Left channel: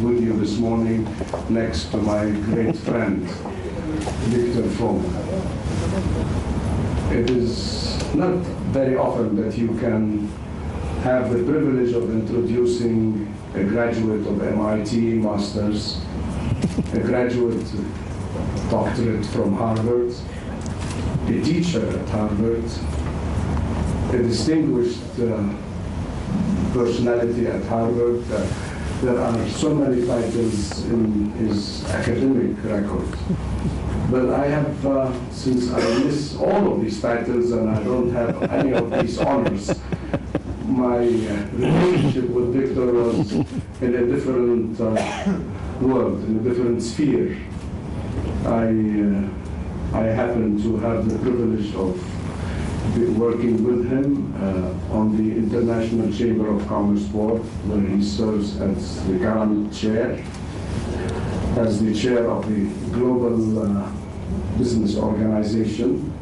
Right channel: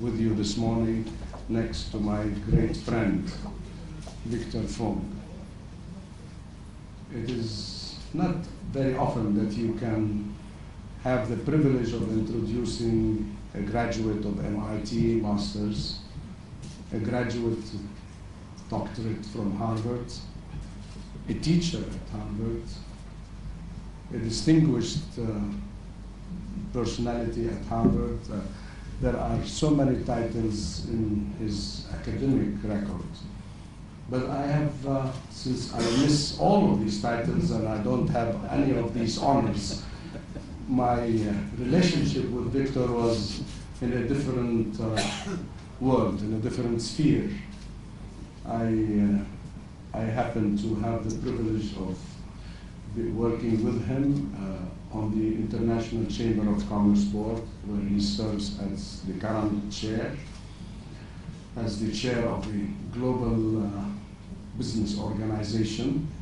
with you this morning next to my great friend, Victor Fung. It is not very often that you can have the privilege of introducing a graduate of MIT Masters, a graduate doctorate from Harvard, a teacher at Harvard, a distinguished personality at Harvard. There are so many titles in his academic record. But I have, since I miss all of these titles and I don't have any of these honors, my relationship with Victor was in a different world, in a different sphere. I happened to have the privilege of working with him on the International Chamber of Commerce Board, where he serves as the current chair, as the chair of the Global Business Organization.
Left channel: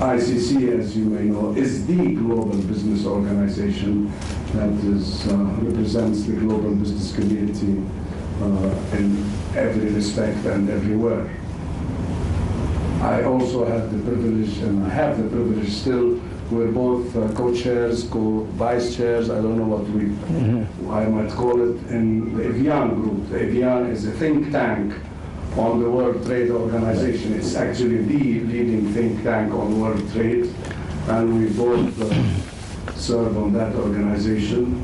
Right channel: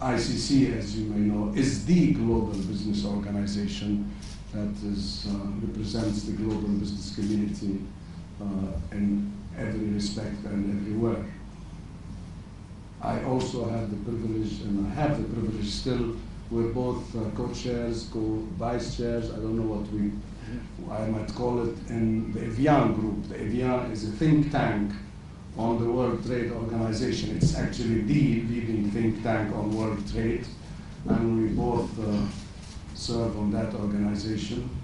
ICC, as you may know, is the global business organization that represents the global business community in every respect and everywhere. I also had the privilege, and I have the privilege still, we're both co-chairs, co-vice chairs, I don't know what I might call it, in the Evian group. The Evian is a think tank on the World Trade Organization. It's actually the leading think tank on world trade, and we both serve on that organization.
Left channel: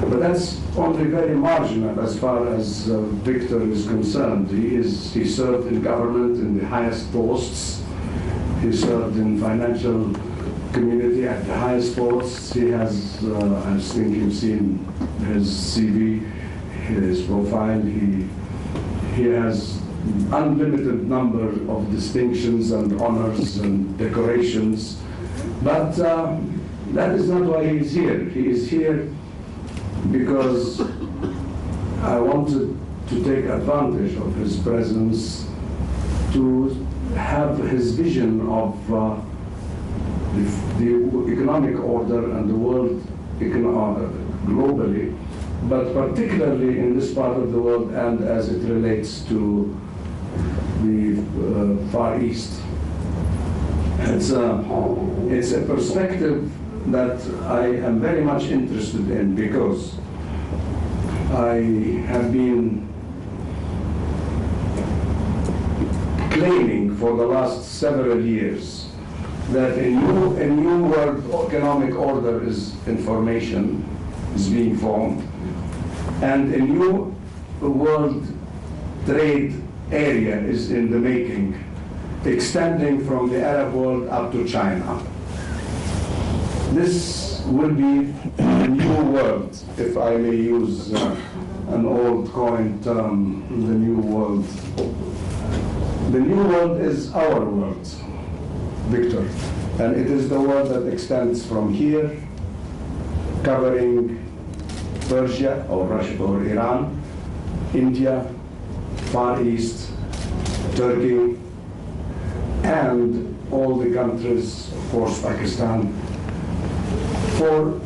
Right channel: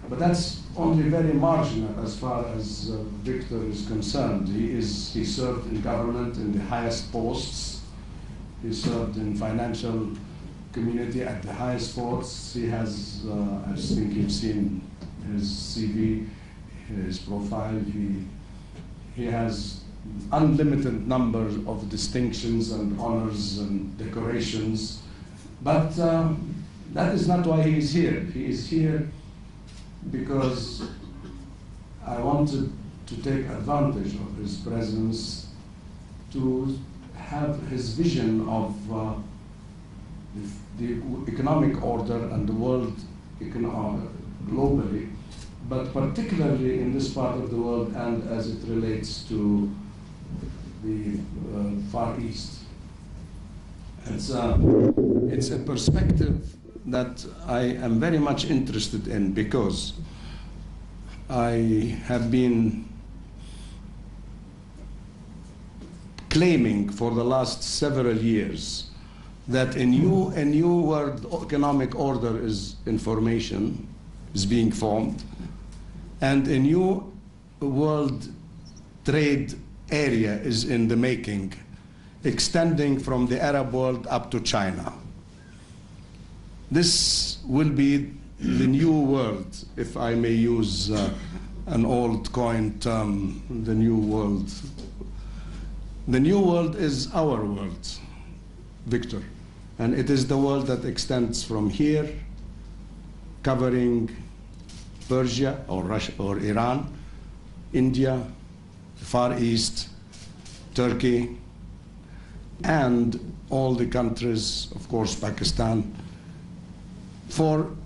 But that's only very marginal as far as Victor is concerned. He served in government in the highest posts. He served in financial community at the highest posts. He has, I think you've seen his CV, his profile. He has unlimited number of distinctions and honors and decorations. But that is not why he is here. He is here because I wanted to take advantage of his presence to have his vision of the economic order and the world globally, but particularly in this part of the world and as it relates to the Far East. It's a perspective that I am very much interested in because I have been claiming for the last several years that a new world economic order is in formation, is being formed, and a new world trade area is in the making, extending from the Arab world up to China. This will be the new world, if I may use an old coined term, the new world. The new world is our world, Victor, and it is the world that extends from here, covering Persia or Russia or Iran, India, Far East, Turkey, and all the countries, of course, Pakistan, for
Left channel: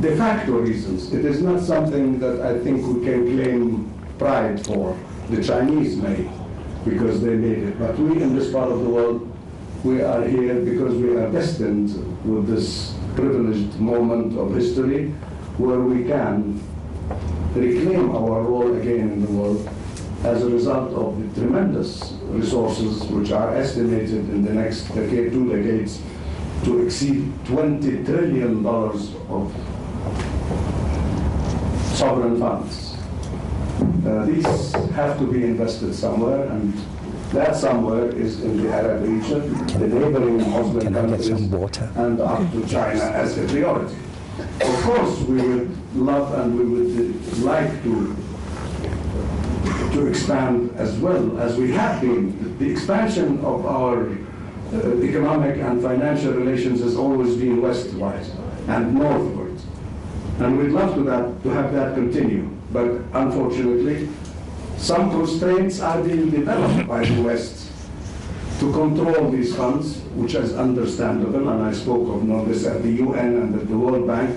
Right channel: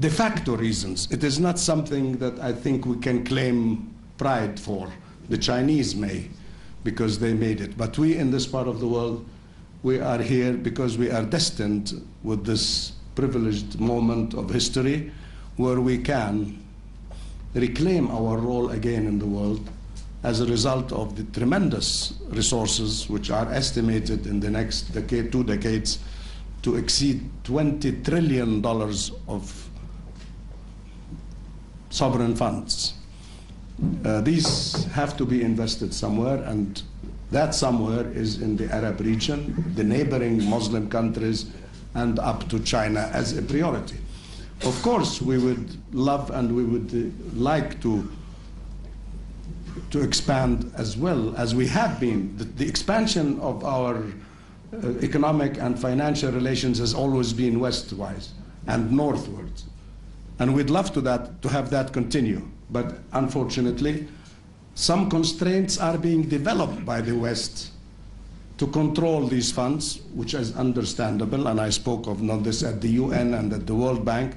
de facto reasons. It is not something that I think we can claim pride for. The Chinese may, because they made it. But we in this part of the world, we are here because we are destined with this privileged moment of history where we can reclaim our role again in the world as a result of the tremendous resources which are estimated in the next decade, 2 decades, to exceed $20 trillion of sovereign funds. These have to be invested somewhere, and that somewhere is in the Arab region, the neighboring Muslim countries, and up to China as a priority. Of course, we would love and we would like to expand as well as we have been. The expansion of our economic and financial relations has always been westward and northward. And we'd love to have that continue. But unfortunately, some constraints are being developed by the West to control these funds, which is understandable, and I spoke of this at the UN and at the World Bank.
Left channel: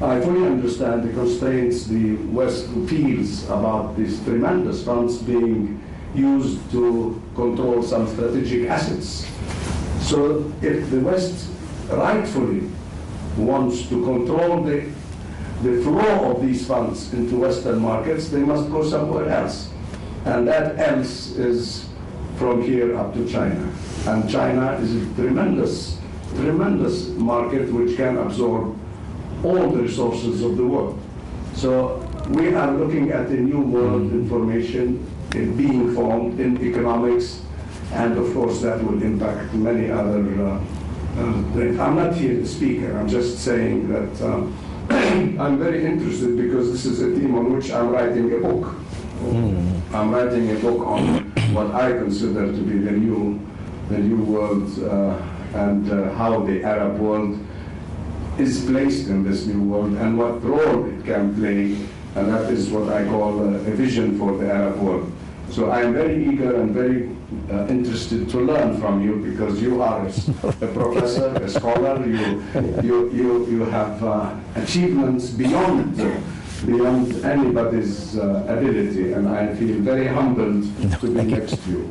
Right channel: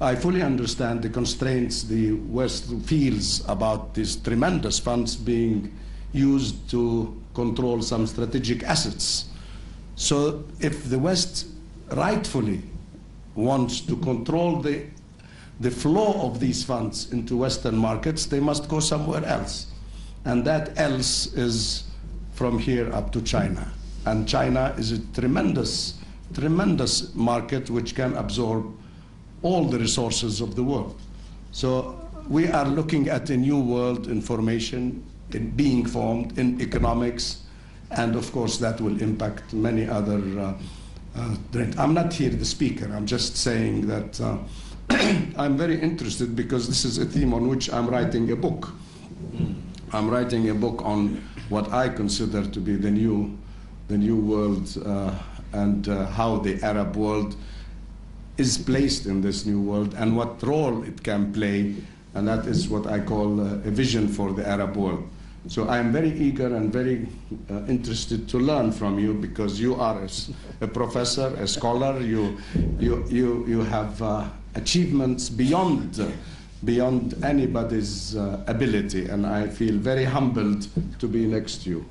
I fully understand the constraints the West feels about these tremendous funds being used to control some strategic assets. So if the West rightfully wants to control the flow of these funds into Western markets, they must go somewhere else. And that else is from here up to China. And China is a tremendous, tremendous market which can absorb all the resources of the world. So we are looking at a new world information being formed in economics, and of course that will impact many other I'm not here the speaker, I'm just saying that I'm very interested because this is a theme on which I'm writing a book. I'm writing a book on what I consider to be the new world and how the Arab world is placed in this new world and what role it can play, and that is what I call a vision for the Arab world. So I am very eager and very interested to learn from you because you are a professor, a scholar. You have achievements beyond anybody's ability, and I feel very humbled to be next to you.